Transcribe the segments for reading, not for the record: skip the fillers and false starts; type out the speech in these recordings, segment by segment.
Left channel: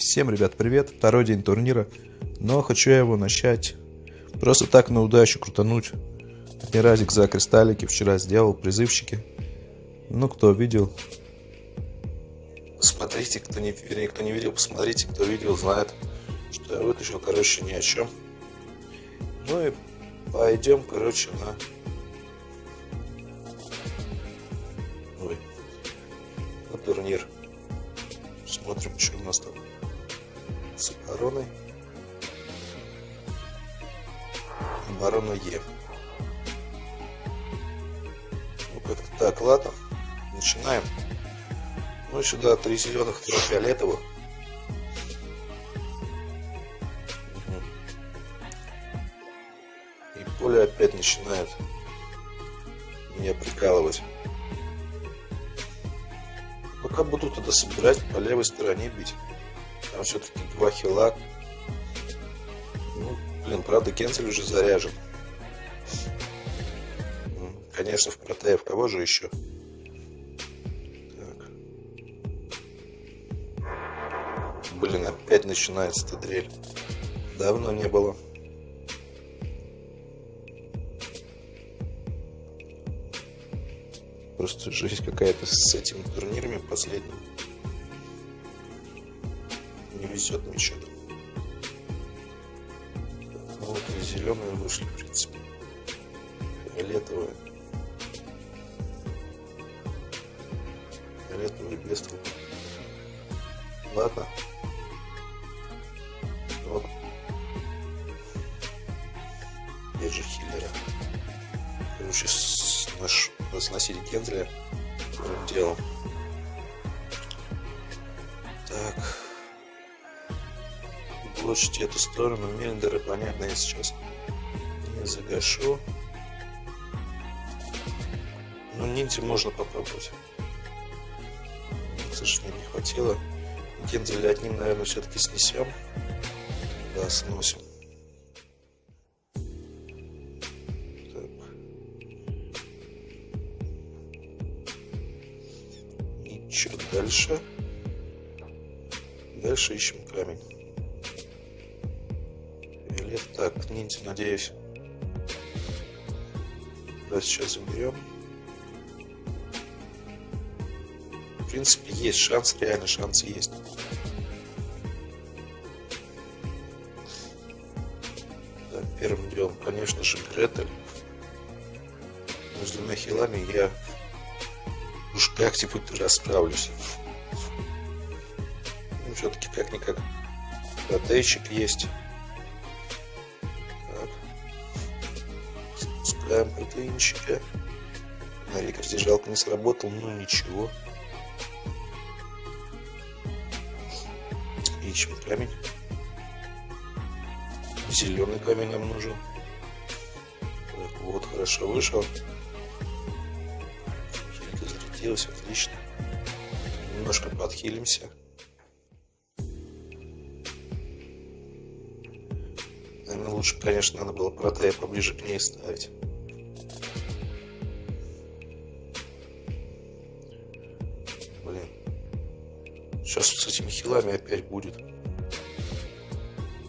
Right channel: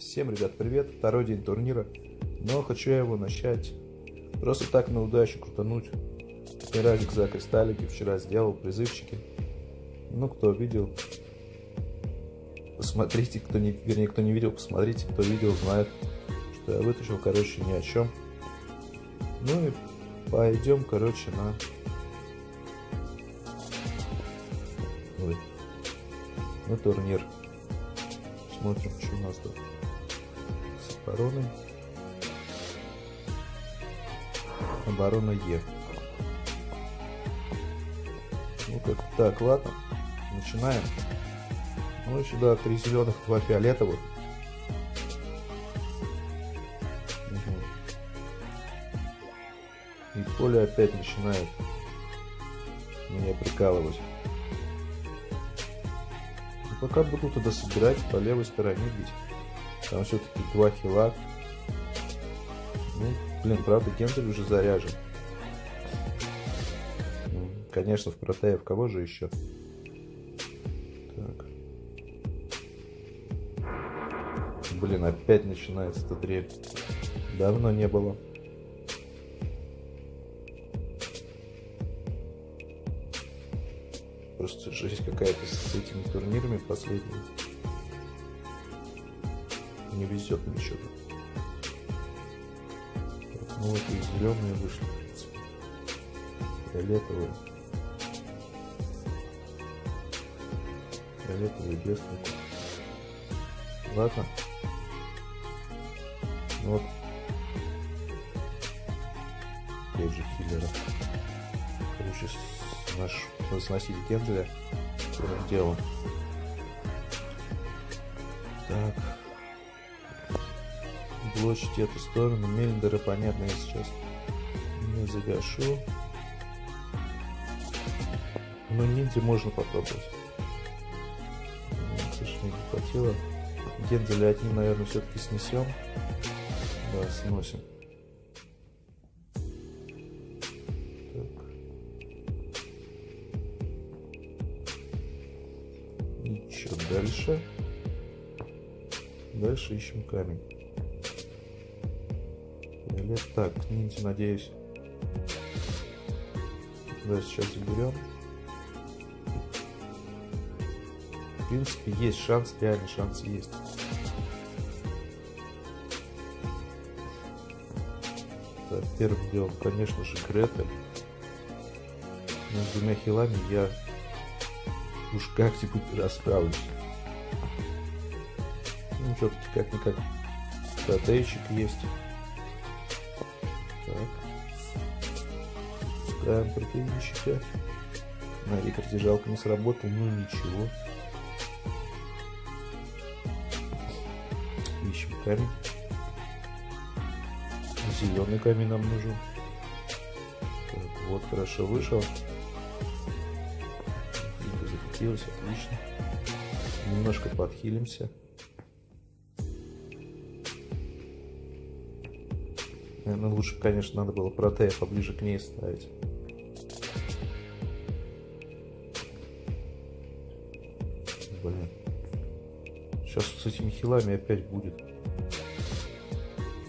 Всем, ребят, привет! Второй день турнира, но хочу я его начать просто так на удачу крутануть. Разик за кристаллики вчера сделал, призывчики. Ну, кто видел, посмотрите, кто не видел, посмотрите, кто видел, знает, что я вытащил, короче, ни о чем. Ну и пойдем, короче, на турнир. Смотрим, что у нас тут с обороной. Оборона Е. Ну как-то так, ладно. Начинаем. Ну сюда 3 зеленых, 2 фиолетовых. И поле опять начинает меня прикалывать. Пока буду туда собирать, по левой стороне бить. Там все-таки 2 хила. Ну, блин, правда, Кензель уже заряжен. Конечно, в протее, в кого же еще? Так. Блин, опять начинается эта дрель. Давно не было. Просто жизнь какая-то с этими турнирами последними. Не везет мне что-то. Ну вот и зеленые вышли, в принципе. Фиолетовые. Фиолетовые без толку. Ладно. Вот. Опять же хиллера. Короче, наш разноситель Кензеля первым делом. Так. Блочите эту сторону. Мелиндеры, понятно, я сейчас не загашу. Ну, ниндзя можно попробовать. К сожалению, не хватило. Кензеля от ним, наверное, все-таки снесем. Да, сносим. Так. И что дальше? Дальше ищем камень. Фиолет. Так, ниндзя, надеюсь. Давай сейчас заберем. В принципе, есть шанс, реально шанс есть. Так, первым делом, конечно же, Гретель. Но с 2 хилами я уж как-нибудь расправлюсь. Ну, все-таки как-никак протейчик есть. Так. Запускаем протеинчика. На рекорде жалко не сработал, ну ничего. Ищем камень. Зеленый камень нам нужен. Так, вот, хорошо вышел. Хилька зарядилась, отлично. Немножко подхилимся. Наверное, лучше, конечно, надо было протея поближе к ней ставить. Блин. Сейчас с этими хилами опять будет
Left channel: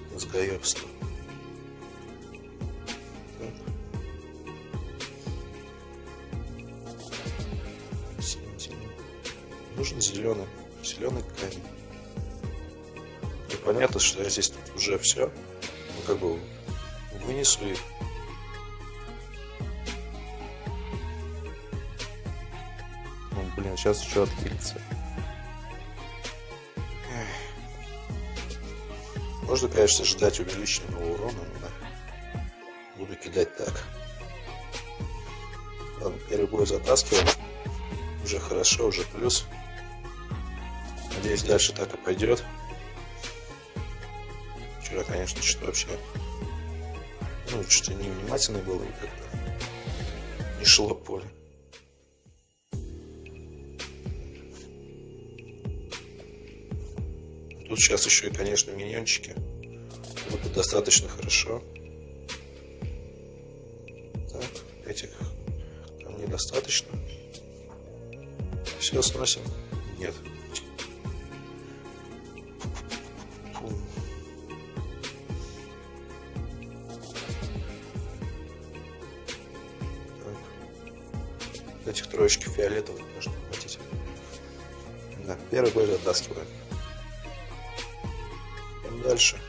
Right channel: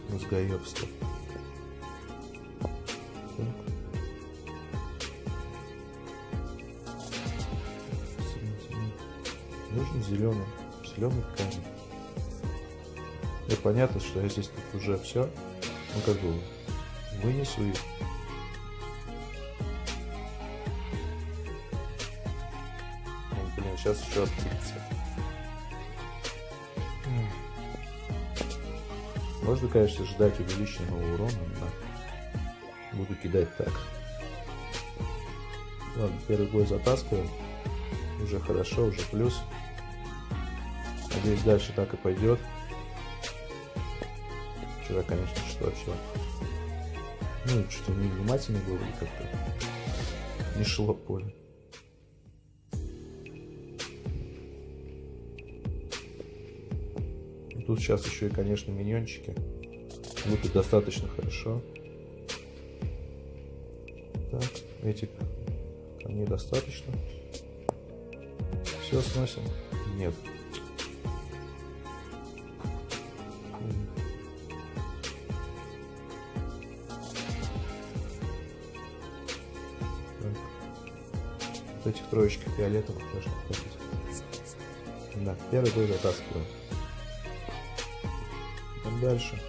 мозгоебство. Так. Нужен зеленый камень. Ну, понятно, что я здесь тут уже все. Ну, как бы вынесу их. Ну, блин, сейчас еще открыться. Можно, конечно, ждать увеличенного урона, но буду кидать так. Ладно, первый бой затаскиваем. Уже хорошо, уже плюс. Надеюсь, дальше так и пойдет. Вчера, конечно, что-то вообще... Ну, что-то невнимательный был и как-то не шло поле. Тут сейчас еще и, конечно, миньончики. Будут достаточно хорошо. Так, этих камней достаточно. Все сносим? Нет. Этих троечки фиолетовых можно хватить. Да, первый бой затаскиваем. Идем дальше.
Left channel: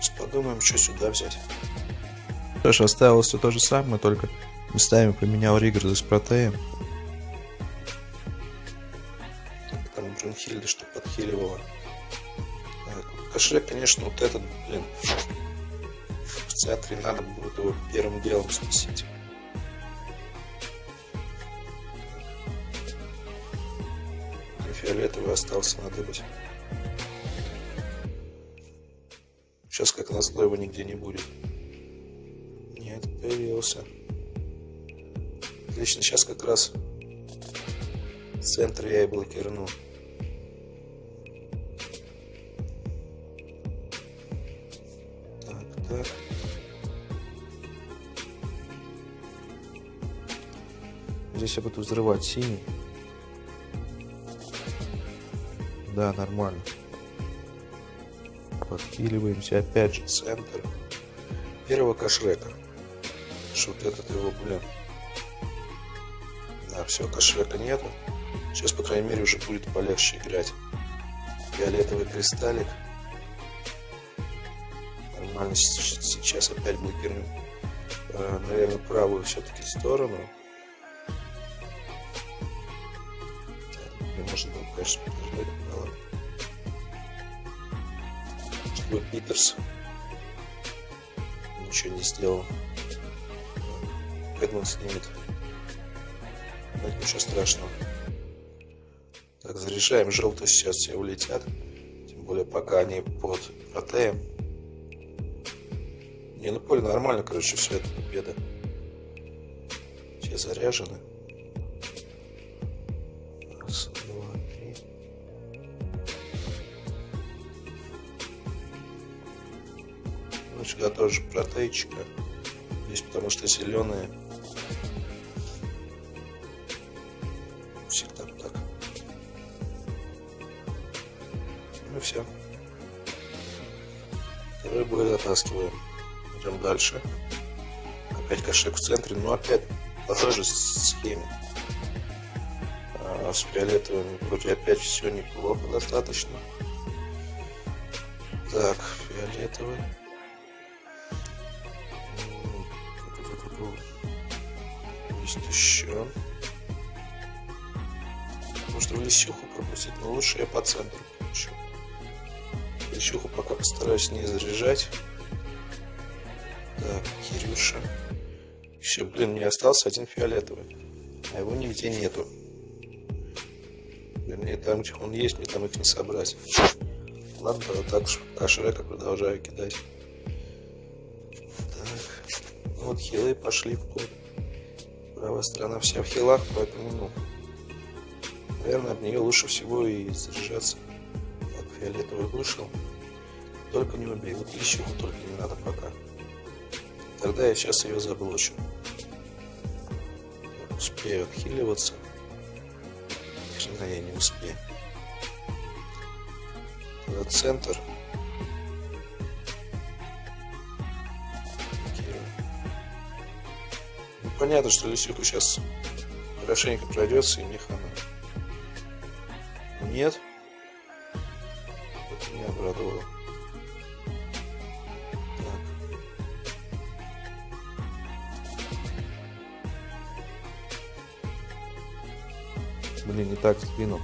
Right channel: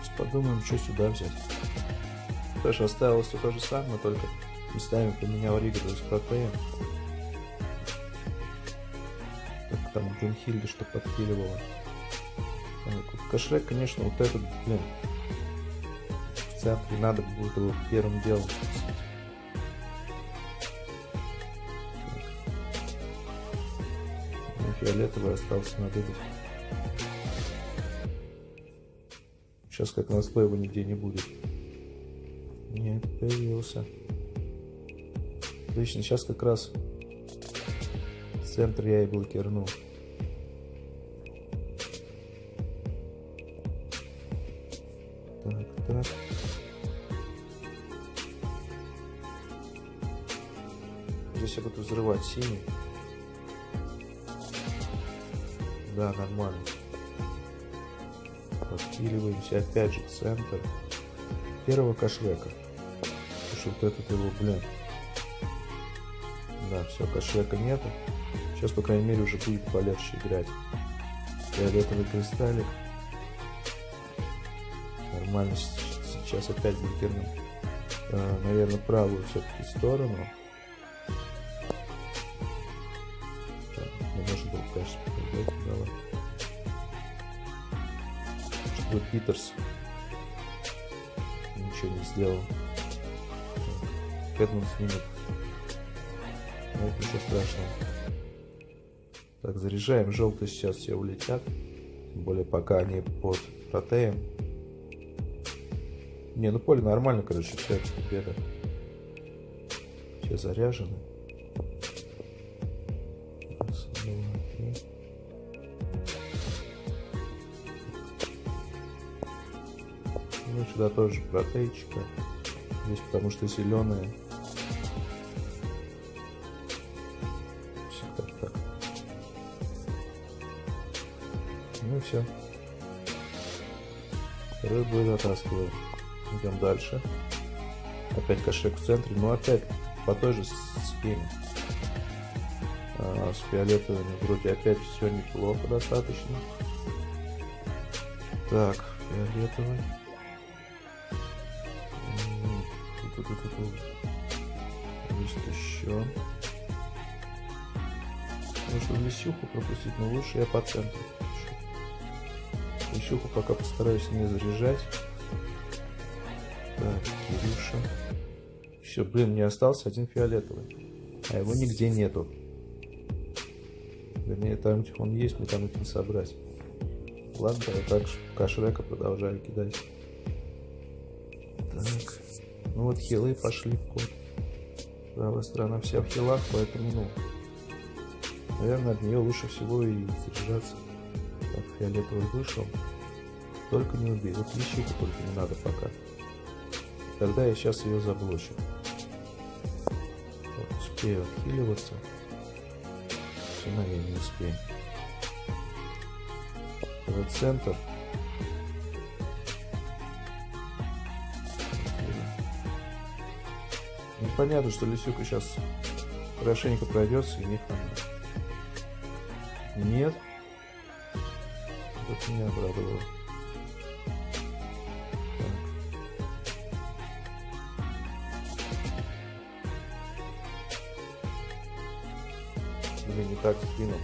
Сейчас подумаем, что сюда взять. Что ж, оставилось все то же самое, только местами поменял Риггарда с Протеем. Так, там Брунхильда, что подхиливала. Так, Кашрек, конечно, вот этот, блин, в центре надо будет его первым делом сносить. Фиолетовый остался надыбать. Сейчас, как назло, его нигде не будет. Нет, появился. Отлично, сейчас как раз в центре я и блокирну. Так. Здесь я буду взрывать синий. Да, нормально. Подхиливаемся опять же центр. Первого Кашрека. Потому что вот этот его, блин. Да, все, Кашрека нету. Сейчас, по крайней мере, уже будет полегче играть. Фиолетовый кристаллик. Нормально, сейчас опять блокируем. Наверное, правую все-таки сторону. Так, не может было, конечно, подождать. Да ладно. Что Питерс ничего не сделал. Эдмунд снимет. Но это ничего страшного. Так, заряжаем. Желтые сейчас все улетят. Тем более, пока они под Протеем. Не, ну поле нормально, короче, все, это победа. Все заряжены. Раз, два, три. Ну, сюда тоже протейчика. Здесь потому что зеленые. Всегда так. Ну и все. Второй бой затаскиваем. Идем дальше. Опять Кашрек в центре. Но опять по той же схеме. С фиолетовым вроде опять все неплохо достаточно. Так, фиолетовый. Есть еще. Может в лисюху пропустить, но лучше я по центру пропущу. Лисюху пока постараюсь не заряжать. Так, Кирюша. Все, блин, мне остался один фиолетовый. А его нигде нету. Вернее, там, где он есть, мне там их не собрать. Ладно, вот так Кашрека продолжаю кидать. Так. Ну вот хилы пошли в ход. Правая сторона вся в хилах, поэтому, ну, наверное, от нее лучше всего и заряжаться. Так, фиолетовый вышел. Только не убей. Вот лисюху только не надо пока. Тогда я сейчас ее заблочу. Так, успею отхиливаться. Жена я не успею. Вот центр. Ну, понятно, что лисюха сейчас хорошенько пройдется и не хана. Нет. Вот меня обрадовало. Блин, не так сдвинул.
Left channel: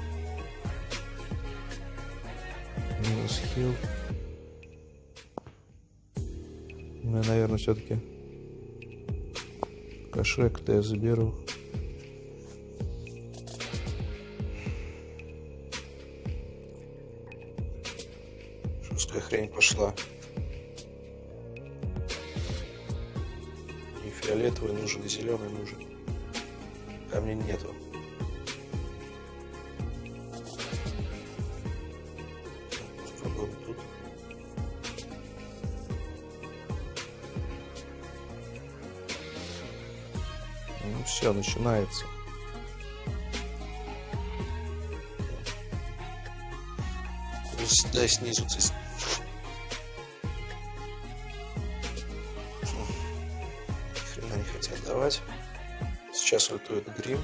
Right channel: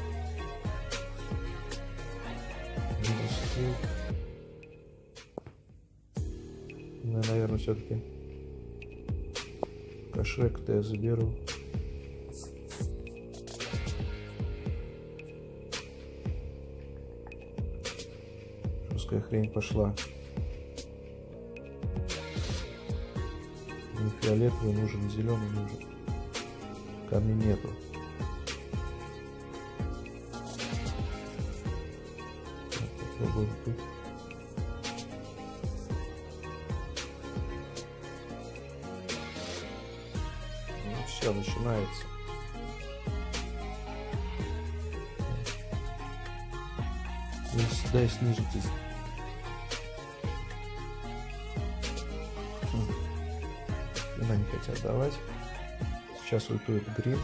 Минус хил. Ну, я, наверное, все-таки Кашрек-то я заберу. Жесткая хрень пошла. И фиолетовый нужен, и зеленый нужен. Камней нету. Попробуем тут. Ну все, начинается. Дай снизу здесь. Хрена не хотят давать. Сейчас ультует Грим.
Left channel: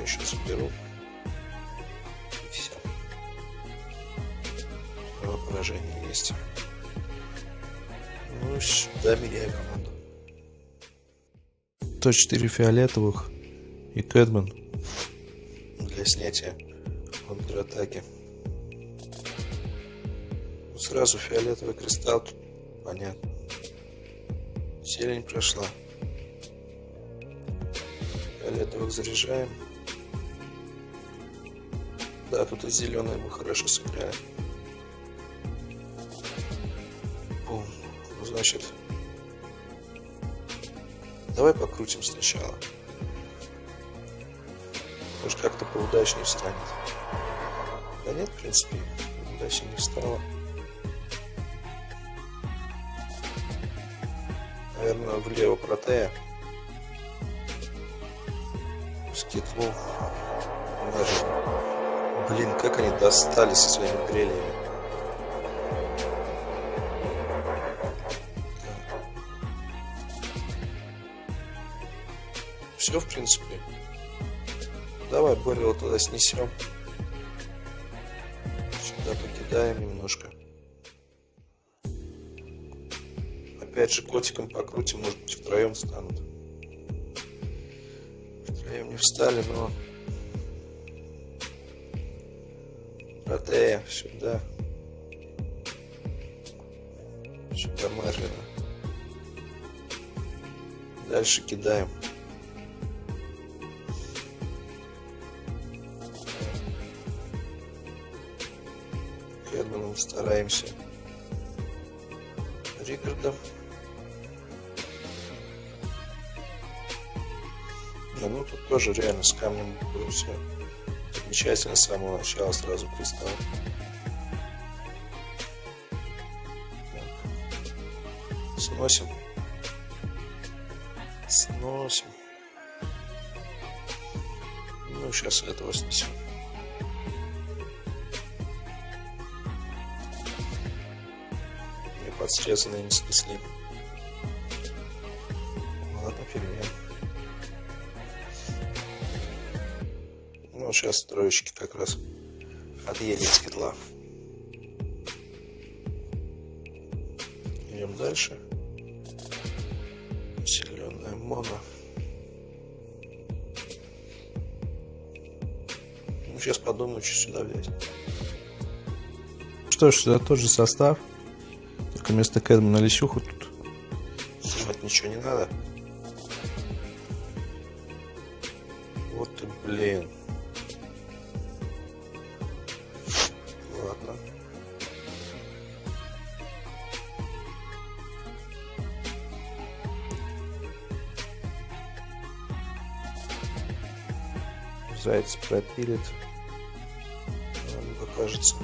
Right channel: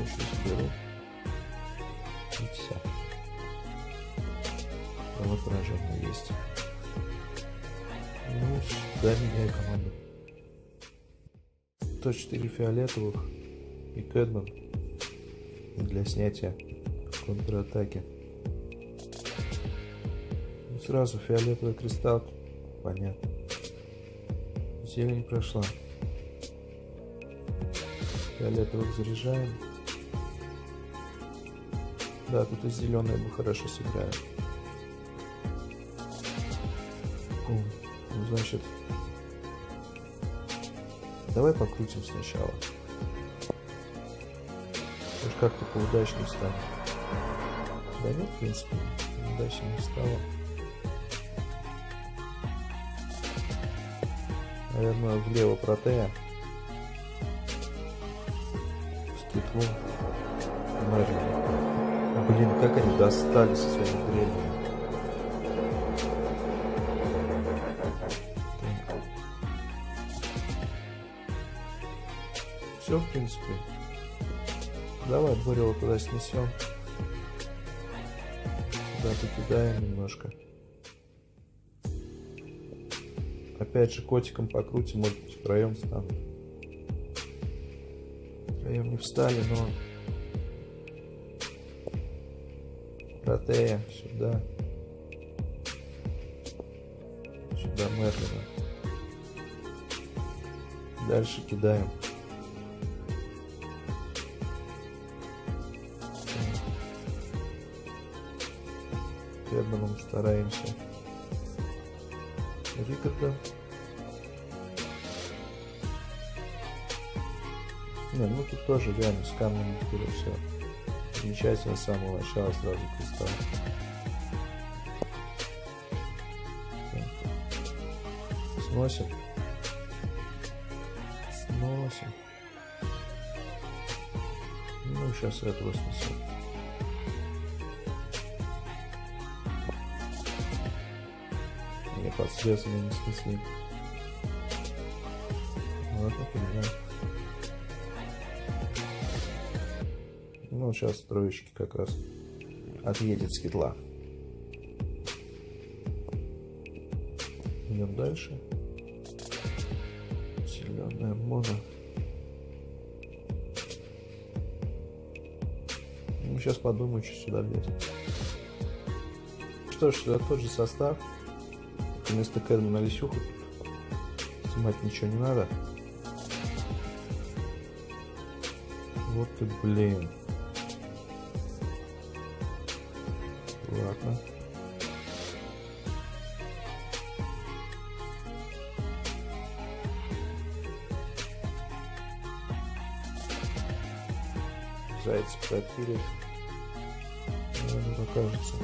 Я сейчас заберу. И все. Мое поражение есть. Ну, сюда меняю команду. 104 фиолетовых и Кэдман для снятия контратаки. Ну, сразу фиолетовый кристалл. Тут понятно. Зелень прошла. Фиолетовых заряжаем. Да, тут и зеленые мы хорошо сыграли. Бум. Ну, значит, давай покрутим сначала. Может, как-то поудачнее станет. Да нет, в принципе, удачнее не стало. Наверное, влево протея. Скитнул. Блин, как они достали со своими дрелями. Все, в принципе. Давай Борила туда снесем. Сюда покидаем немножко. Опять же котиком покрутим, может быть втроем станут. Втроем не встали, но... Протея, сюда. Сюда Мерлина. Дальше кидаем. Кэдманом стараемся. Рикардом. Не, ну тут тоже реально с камнем было все замечательно с самого начала, сразу кристалл. Так. Сносим. Сносим. Ну, сейчас этого снесем. Мне подсрезанные не снесли. Ладно, фигня. Ну, сейчас троечки как раз отъедет с китла. Идем дальше. Усиленная моно. Ну, сейчас подумаю, что сюда взять. Что ж, сюда тот же состав. Только вместо Кэдмана Лисюху тут снимать ничего не надо. Вот ты, блин. Ладно. Зайца пропилит. Мне покажется.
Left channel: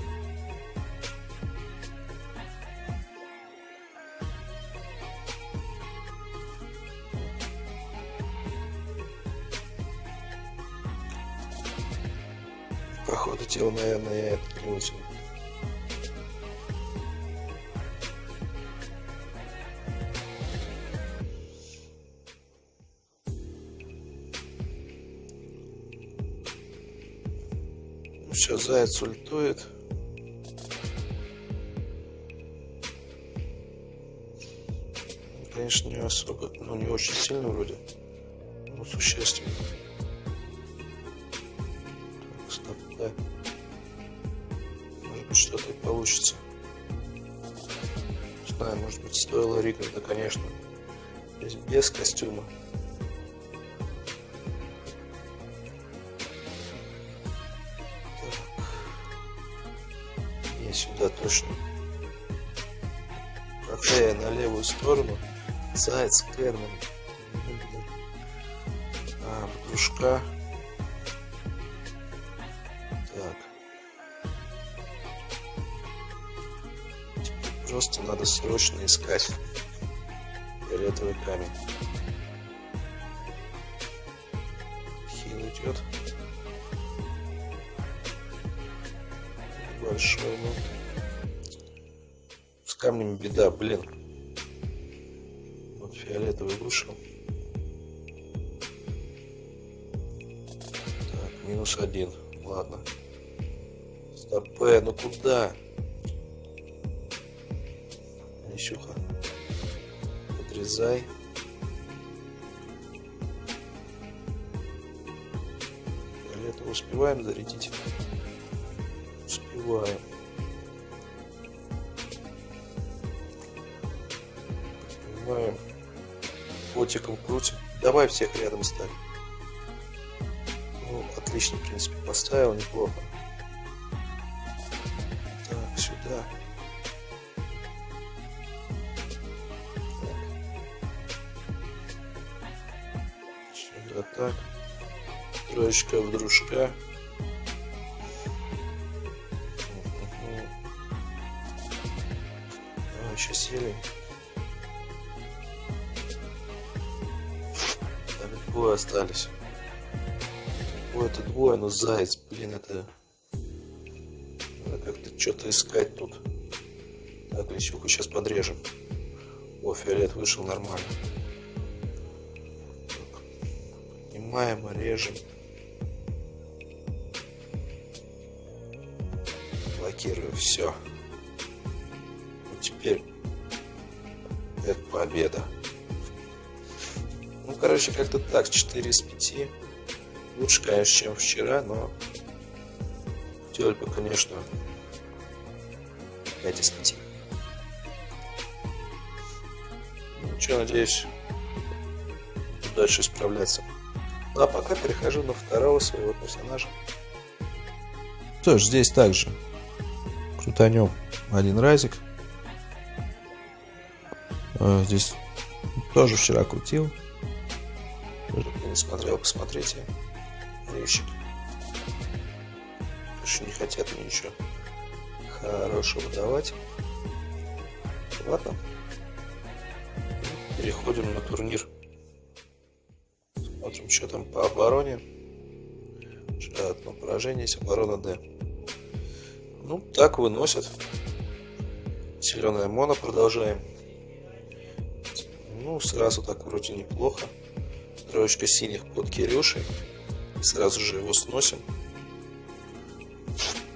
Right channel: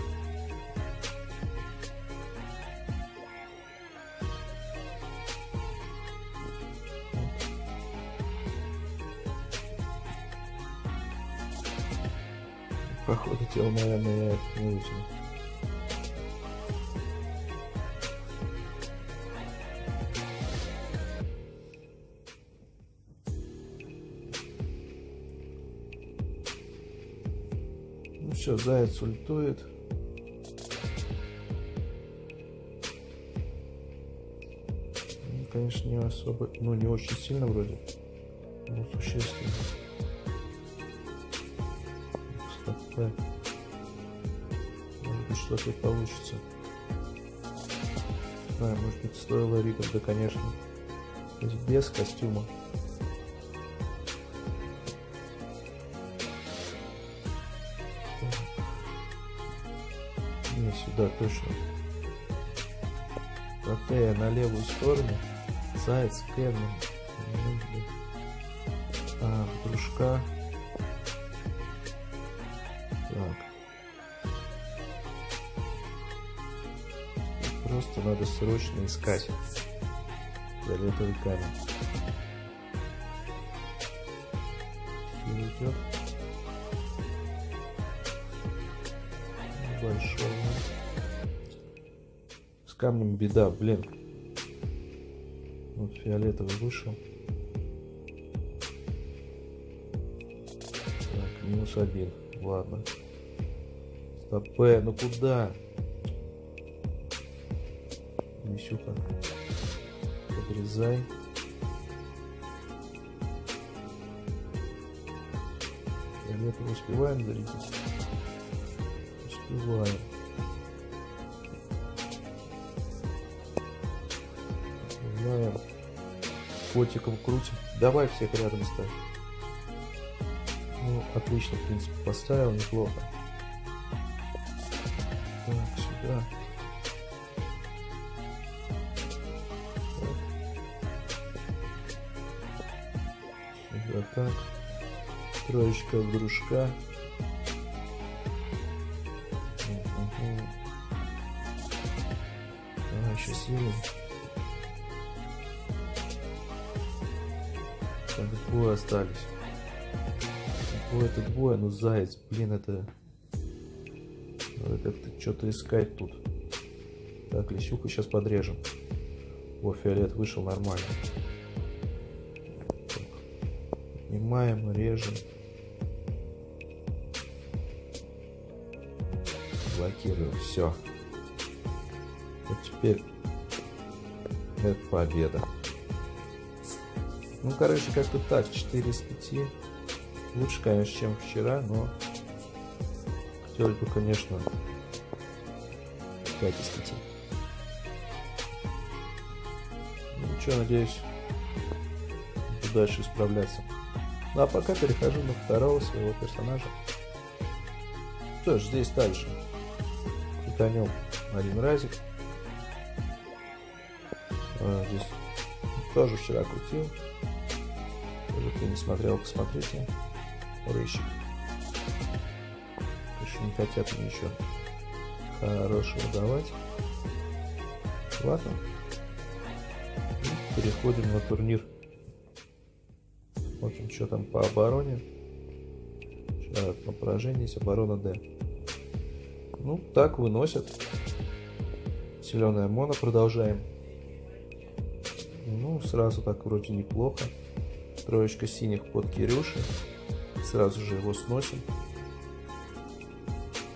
Походу тело, наверное, я это не вытяну. Ну все, заяц ультует. Ну, конечно, не особо, ну не очень сильно вроде, но существенно. Так, стоп, да. Может быть, что-то получится. Не знаю, может быть, стоило Рикарда, конечно. То есть без костюма. Не, сюда точно. Протея на левую сторону. Заяц, Кэдман. Дружка. Так. Теперь просто надо срочно искать фиолетовый камень. Хил идет. Большой, ну. камнем беда, блин. Вот фиолетовый вышел. Так, -1. Ладно. Стопэ, ну куда? Лисюха. Подрезай. Фиолетовый успеваем зарядить? Успеваем. Понимаю. Котиком крутим. Давай всех рядом ставь. Ну, отлично, в принципе, поставил, неплохо. Так, сюда. Сюда так. Троечка в дружка. Давай еще силим. Так, двое остались. Это двое, но заяц, блин, это... Надо как-то что-то искать тут. Так, лисюху сейчас подрежем. О, фиолет вышел нормально. Так, поднимаем, режем. Блокирую, все. Вот теперь это победа. Ну, короче, как-то так, 4 из 5. Лучше, конечно, чем вчера, но хотелось бы, конечно, 5 из 5. Ну что, надеюсь, буду дальше исправляться. Ну а пока перехожу на второго своего персонажа. Что ж, здесь также крутанем один разик. Здесь тоже вчера крутил. Кто не смотрел, посмотрите. Рыщик. Еще не хотят мне ничего хорошего давать. Ладно. Переходим на турнир. Смотрим, что там по обороне. Одно поражение, есть оборона Д. Ну, так выносят. Зеленая моно продолжаем. Ну, сразу так вроде неплохо. Троечка синих под Кирюшей. Сразу же его сносим.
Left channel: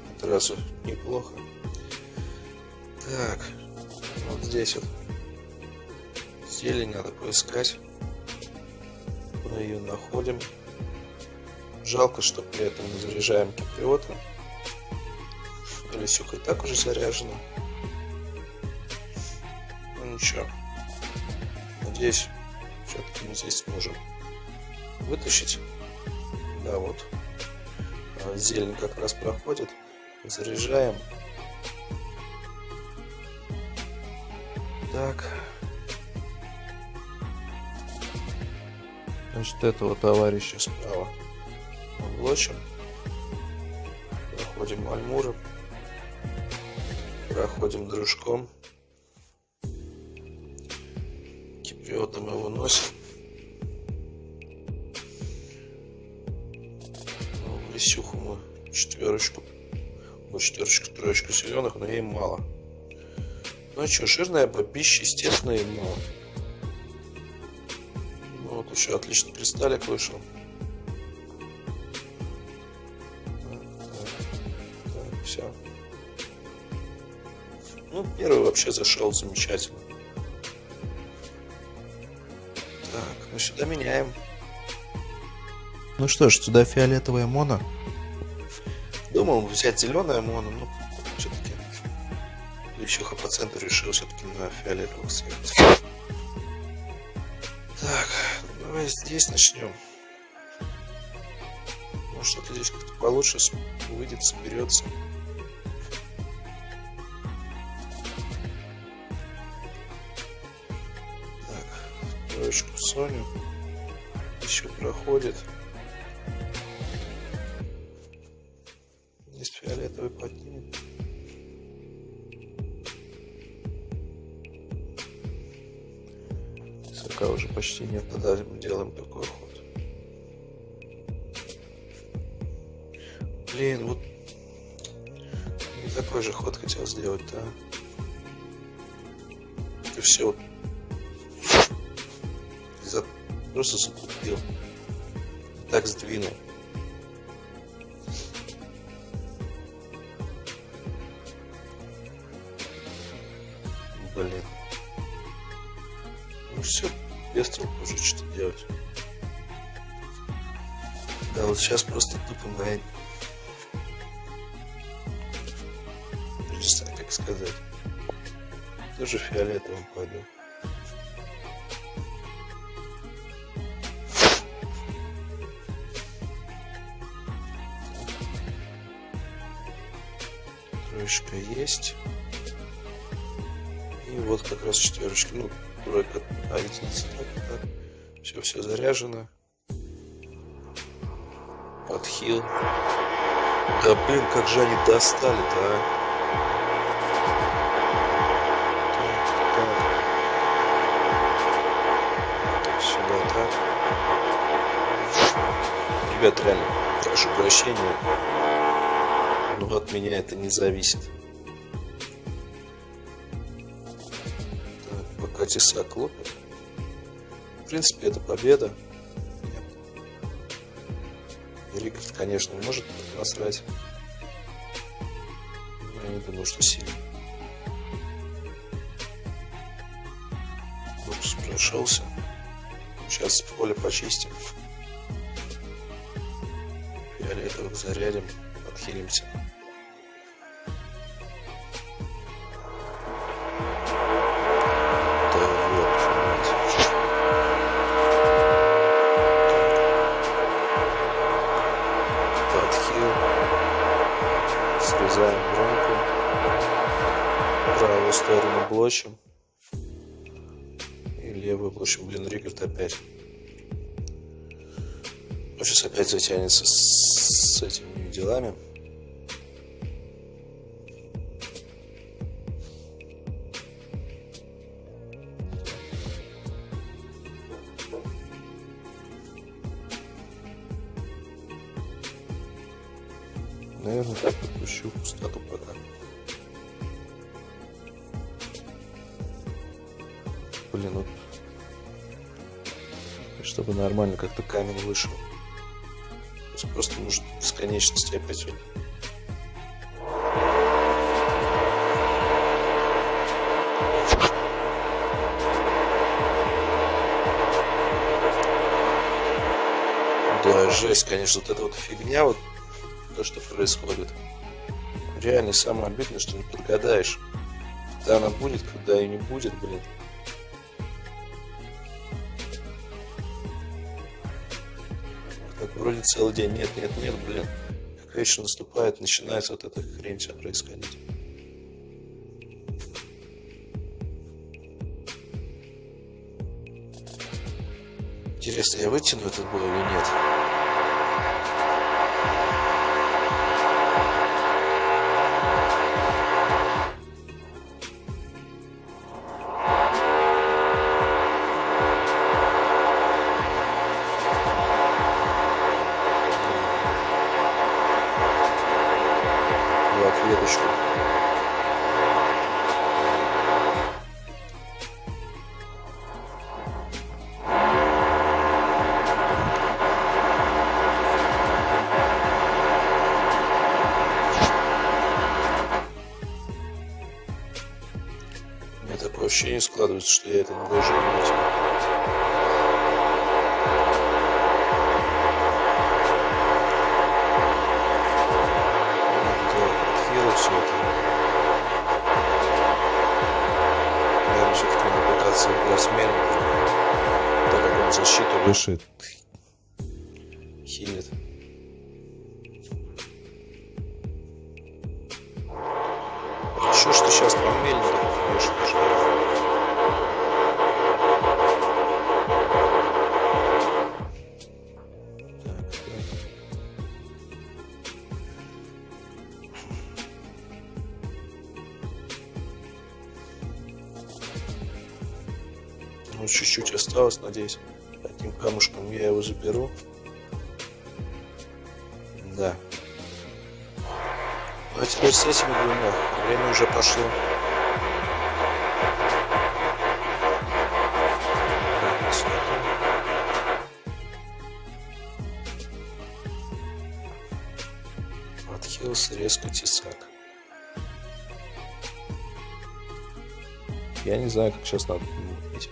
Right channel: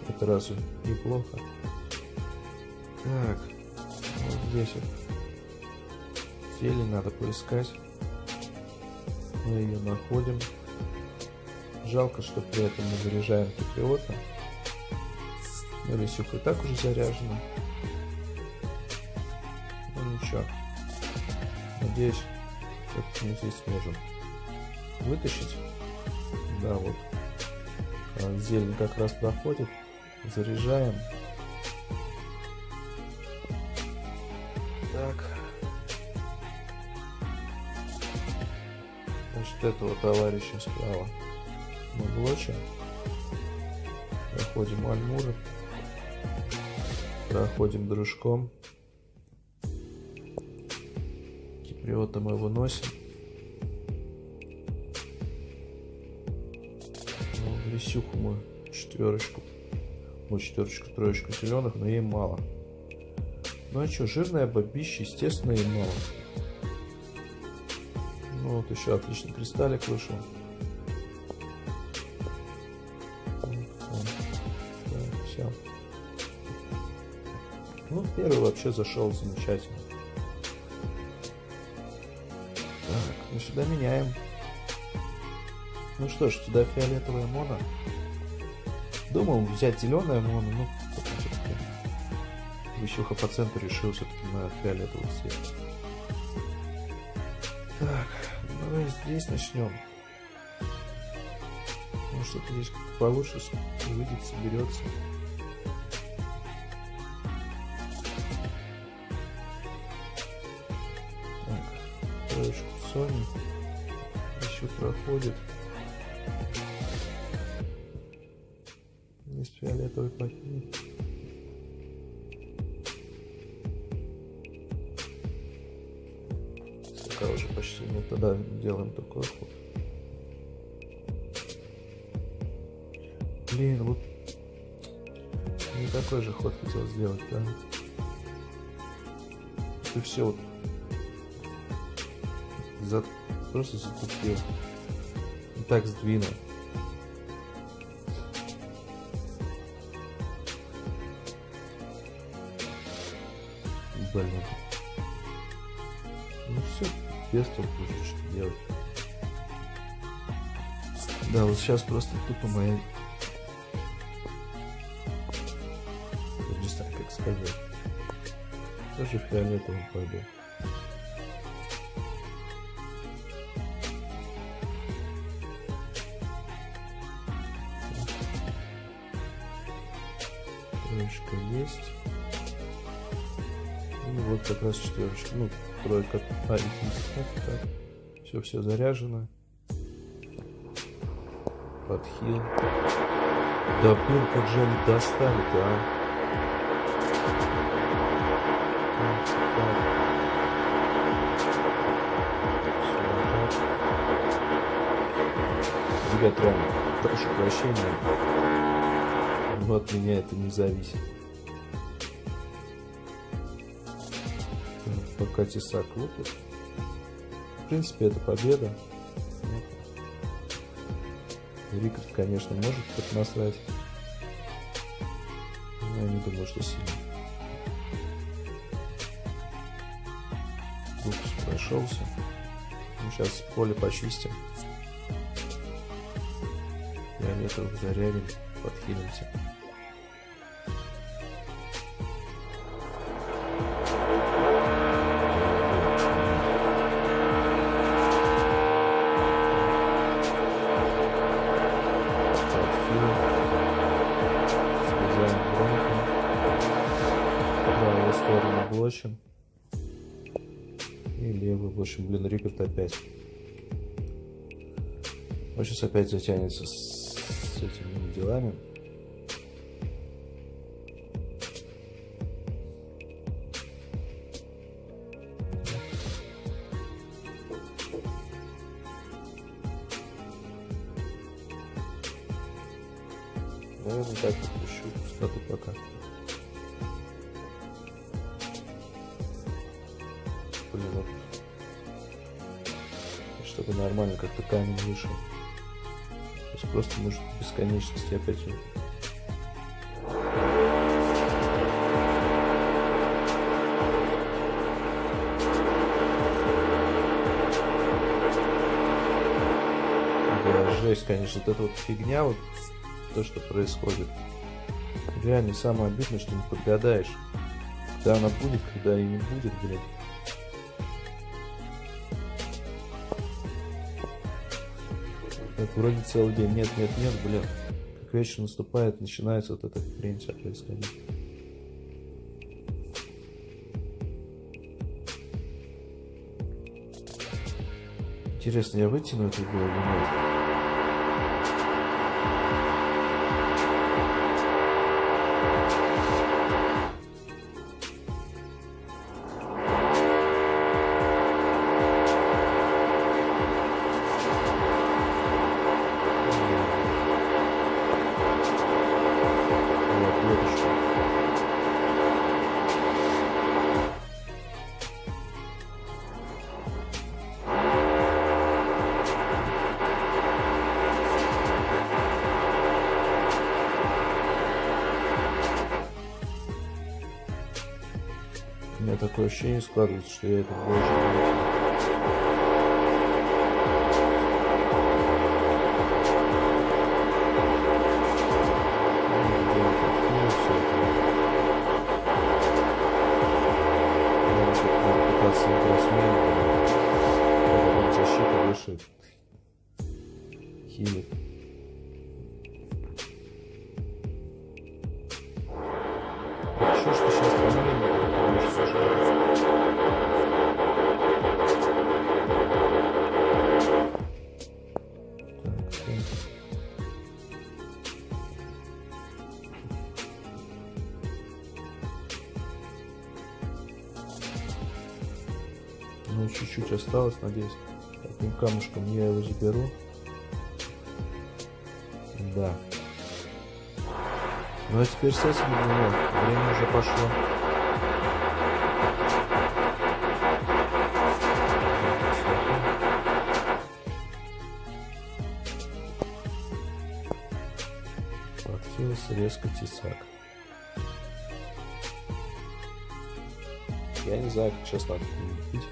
Это разу неплохо. Так, вот здесь вот зелень надо поискать. Мы ее находим. Жалко, что при этом не заряжаем киприота. Но лисюха и так уже заряжена. Ну ничего. Надеюсь, все-таки мы здесь сможем вытащить. Да, вот. Зелень как раз проходит. Заряжаем. Так. Значит, этого товарища справа мы блочим. Проходим Альмуров. Проходим дружком. Киприота мы выносим. Лисюху мы четверочку. Ну, четверочку, троечку зеленых, но ей мало. Ну а что, жирная бабища, естественно, ей мало. Ну вот еще отличный кристаллик вышел. Так, все. Ну, первый вообще зашел замечательно. Так, ну сюда меняем. Ну что ж, сюда фиолетовая моно. Думал взять зеленое моно, но все-таки Лисюха по центру решил все-таки на фиолетовый цвет. Так, ну давай здесь начнем. Может, что-то здесь как-то получше выйдет, соберется. Так, троечку Соню. Еще проходит. Есть фиолетовый поднимет. Пока уже почти нет, тогда делаем такой ход. Блин, вот не такой же ход хотел сделать, да. ты все просто закупил. И так сдвинул. Блин. Ну все, без толку уже что делать. Да, вот сейчас просто тупо моя... Не знаю, как сказать. Тоже фиолетовым пойду. Троечка есть. И вот как раз четверочки. Ну, тройка. Единица. Так. Все заряжено. Подхил. Да блин, как же они достали-то, а. Так. Сюда так. Ребят, реально, прошу прощения. Но от меня это не зависит. Так, пока тесак лопит. В принципе, это победа. Рикард, конечно, может насрать. Но я не думаю, что сильно. Упс, прошелся. Сейчас поле почистим. Фиолетовых зарядим, подхилимся. Срезаем громко. Правую сторону блочим. И левую блочим. Блин, Рикард опять. Он сейчас опять затянется с этими делами. Наверное, так подпущу пустоту пока. Блин, ну, чтобы нормально как-то камень вышел. То есть просто может бесконечности опять вот. Да, жесть, конечно, вот эта вот фигня, вот то, что происходит. Реально, самое обидное, что не подгадаешь, когда она будет, когда и не будет, блин. Так, вроде целый день нет, блин. Как вечер наступает, начинается вот эта хрень вся происходить. Интересно, я вытяну эту бой или нет? Клеточку. У меня такое ощущение складывается, что я этот бой уже не вытяну. Все это. Наверное, все-таки надо пытаться играть смело, так как он защиту выше хилит. А чё ж ты сейчас по мельнику ходишь, Ну, чуть-чуть осталось, надеюсь. Таким камушком я его заберу. Да. Ну а теперь с этим двумя. Время уже пошло. Хиллс, резко тесак. Я не знаю, как сейчас надо пить.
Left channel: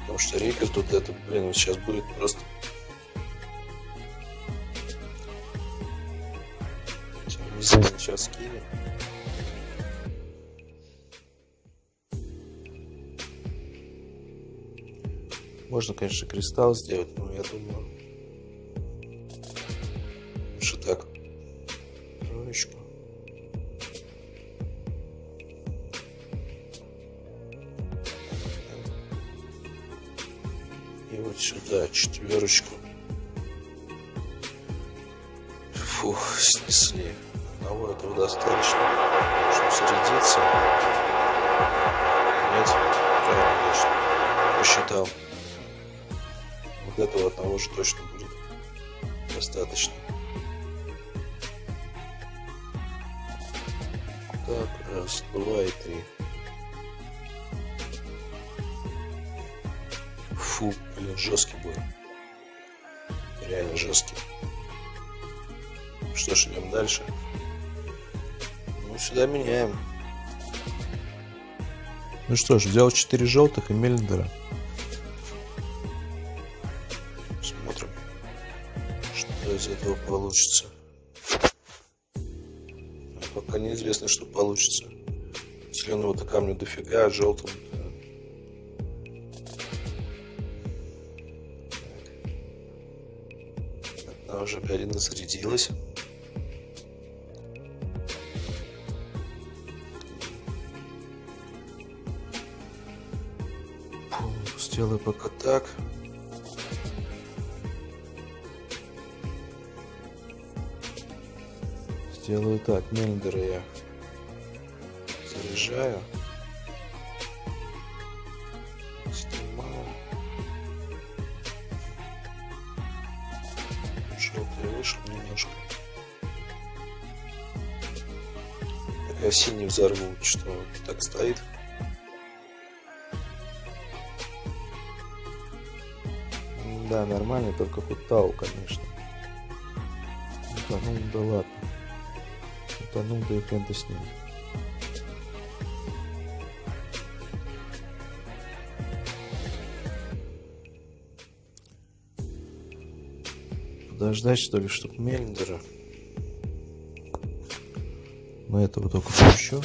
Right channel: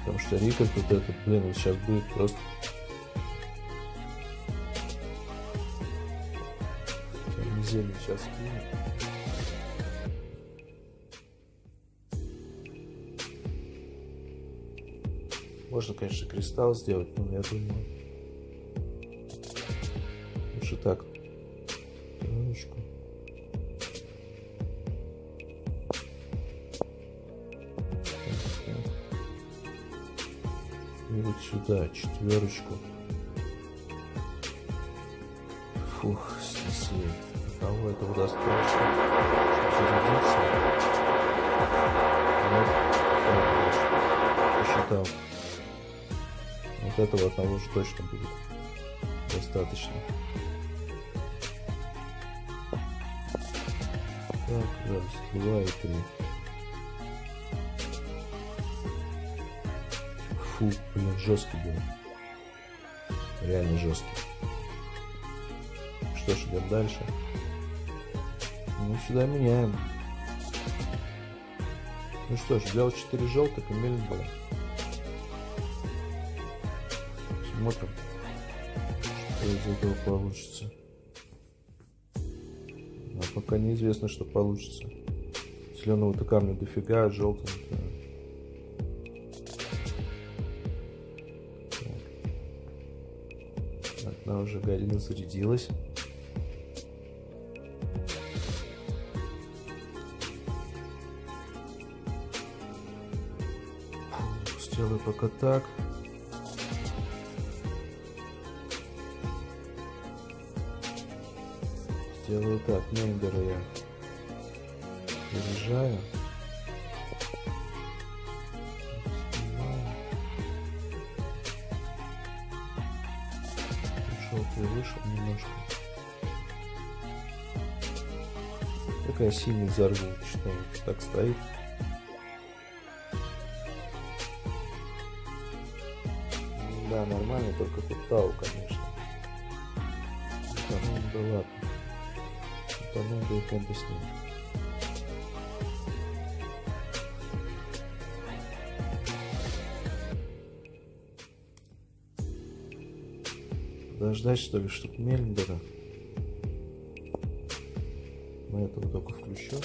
Потому что Рикер тут этот, блин, вот сейчас будет просто... Термизин сейчас кинем. Можно, конечно, кристалл сделать, но я думаю... Лучше так. Троечку. И вот сюда четверочку. Фух, снесли. Одного этого достаточно, чтобы зарядиться. Нет? Да, конечно. Посчитал. Вот этого одного же точно будет достаточно. Так, раз, два и три. Фу, блин, жесткий был. Реально жесткий. Что ж, идем дальше. Ну, сюда меняем. Ну что ж, взял 4 желтых и Мельндера. Смотрим, что из этого получится. А пока неизвестно, что получится. Зеленого-то камня дофига, а желтого... Одна уже гадина зарядилась. Сделаю пока так. Сделаю так. Мельндера я заряжаю. Снимаю. Желтый вышел немножко. Такая синий взорву, что так стоит. Да, нормально, только Хутау, конечно. Утонул, да ладно. Утонул, да и хрен с ним. Подождать, что ли, чтоб Мельндера. На этого только еще.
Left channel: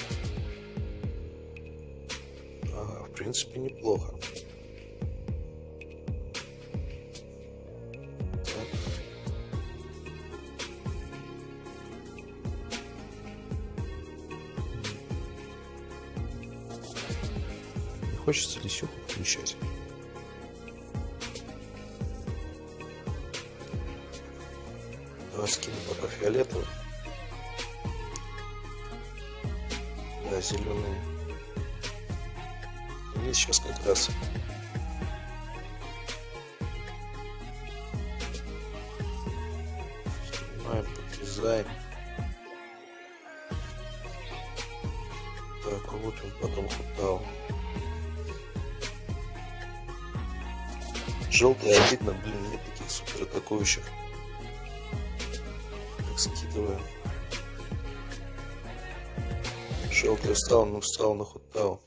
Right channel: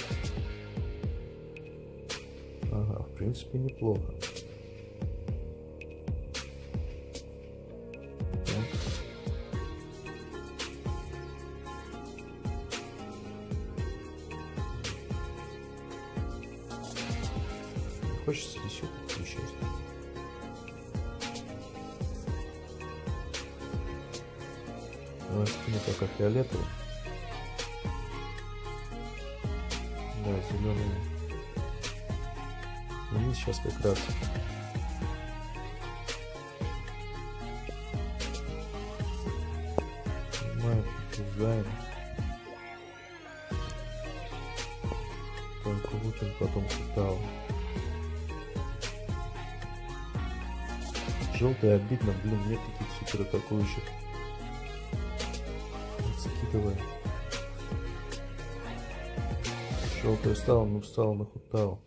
Ага, в принципе, неплохо. Хочется Лисюку включать. Я скину пока фиолетовый. Да, зеленый. И сейчас как раз. Снимаем, подрезаем. Так, лупим, потом Хутау. Желтый обидно, блин, нет таких супер атакующих. Так, скидываю. Желтый встал, но встал на Хутау.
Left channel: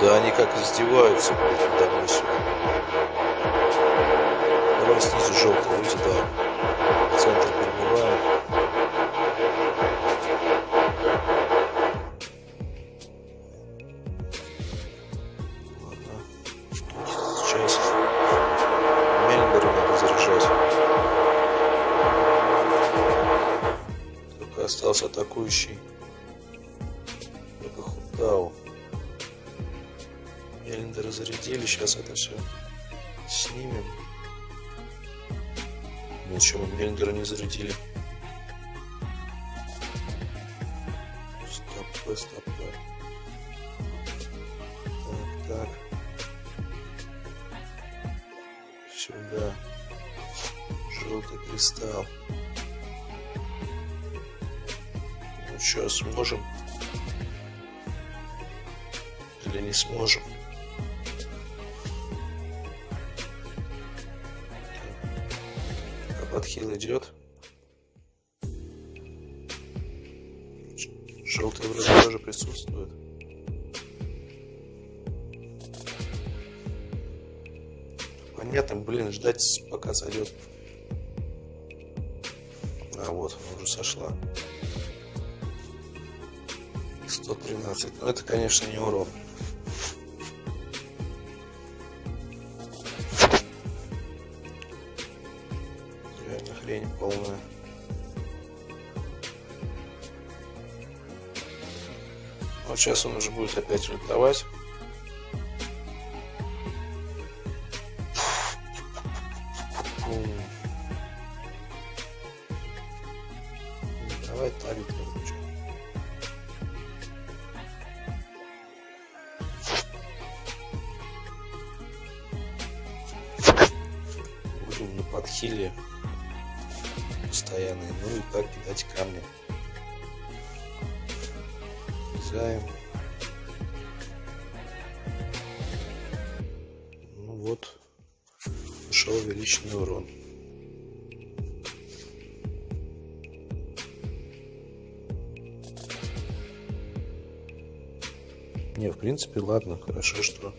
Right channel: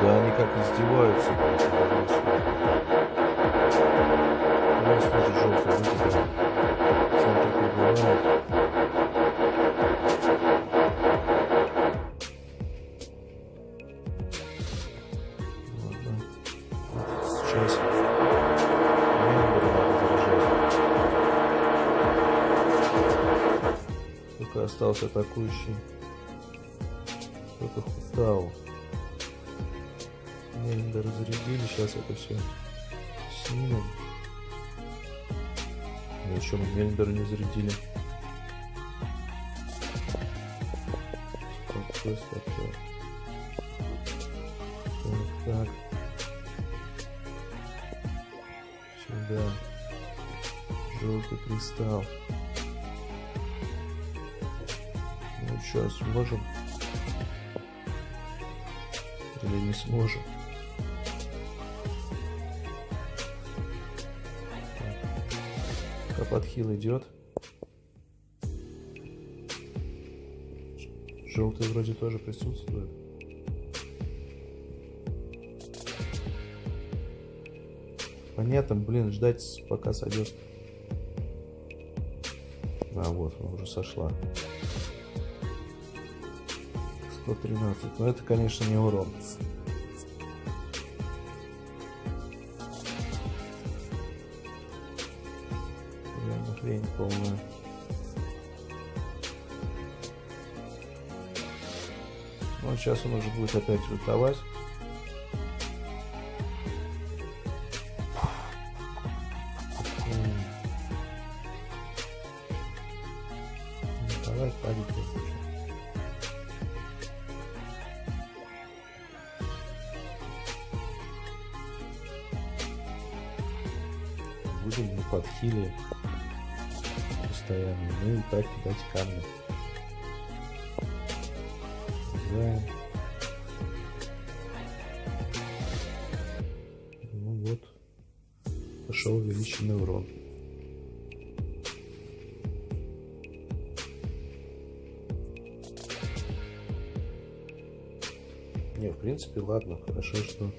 Да они как издеваются, блин, надо мной сегодня. Давай снизу желтый, люди, да. Центр прибывает. Сейчас Мельндера надо заряжать. Только остался атакующий. Только Хутау. Мельндера зарядили. Сейчас это все снимем. Ничего, мы Мельндера не зарядили. Стоп, стоп. Так. Сюда. Желтый кристалл. Ну что, сможем? Или не сможем? Так. подхил идет. Желтый вроде тоже присутствует. Понятно, блин, ждать пока сойдет. А вот, она уже сошла. 113. Но это, конечно, не урон. Реально хрень полная. Вот сейчас он уже будет опять ультовать. Давай тарик выключу. Будем на подхиле постоянно. Ну и так кидать камни. Займ. Ну вот. Пошел увеличенный урон. Не, в принципе, ладно. Хорошо, что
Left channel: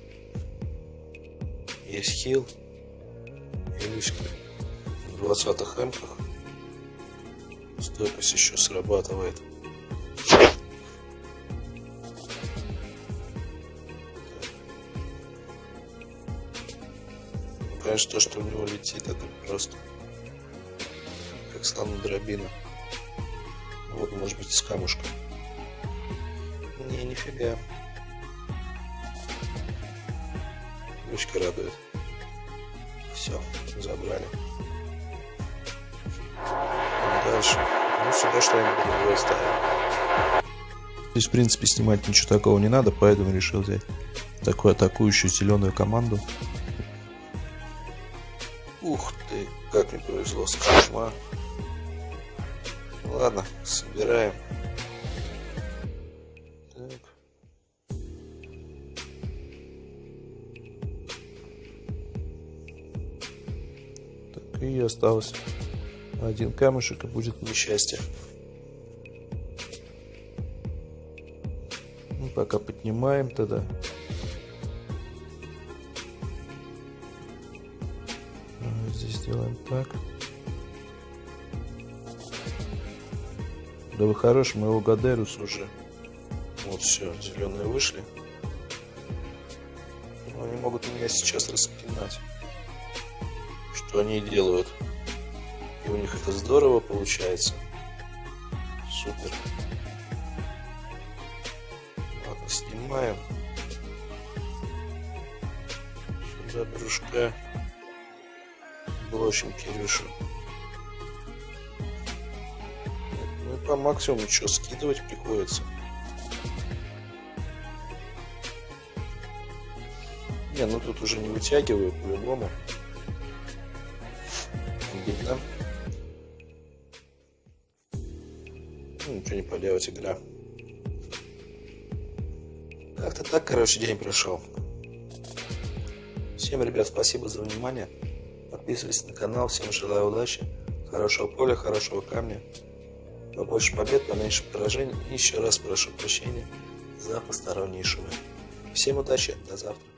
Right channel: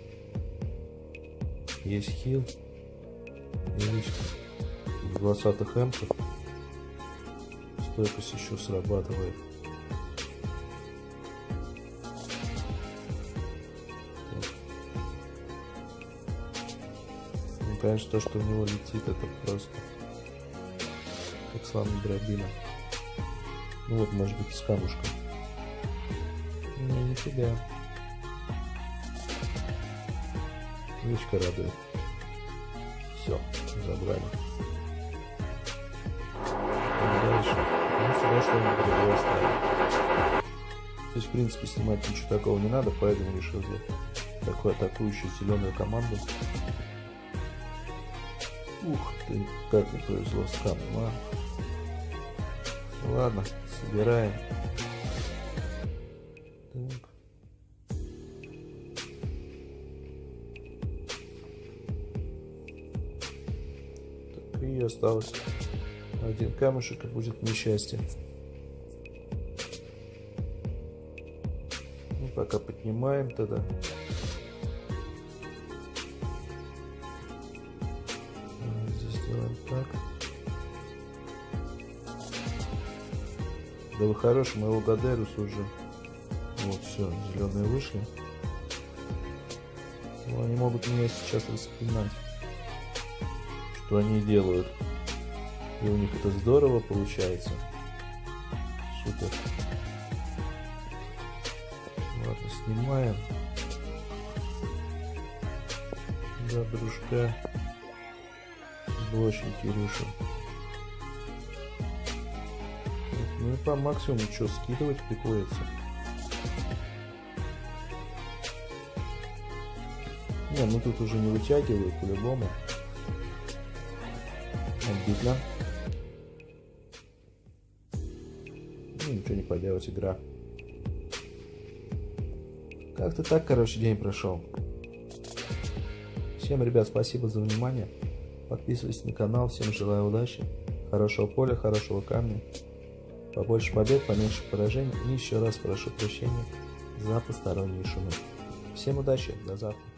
есть хил. И лишь в 20-х эмках стойкость еще срабатывает. Ну, конечно, то, что у него летит, это просто как слона дробина. Ну вот, может быть, с камушком. Не, нифига. Мышка радует. Все, забрали. Дальше. Ну, сюда что-нибудь другое ставим. Здесь, в принципе, снимать ничего такого не надо, поэтому решил взять такую атакующую зеленую команду. Ух ты, как мне повезло с косма. Ладно, собираем. Так. Так, и осталось один камешек, и будет несчастье. Ну, пока поднимаем тогда. Здесь делаем так. Да вы хороший, моего Гадерус уже. Вот все, зеленые вышли. Но они могут меня сейчас распинать. Что они делают? И у них это здорово получается. Супер. Ладно, снимаем. Сюда дружка. Блочим Кирюшу. Ну и по максимуму что, скидывать приходится. Не, ну тут уже не вытягиваю по-любому. Обидно. Ну, ничего не поделать, игра. Как-то так, короче, день прошел. Всем, ребят, спасибо за внимание. Подписывайтесь на канал. Всем желаю удачи, хорошего поля, хорошего камня, побольше побед, поменьше поражений. И еще раз прошу прощения за посторонние шумы. Всем удачи, до завтра.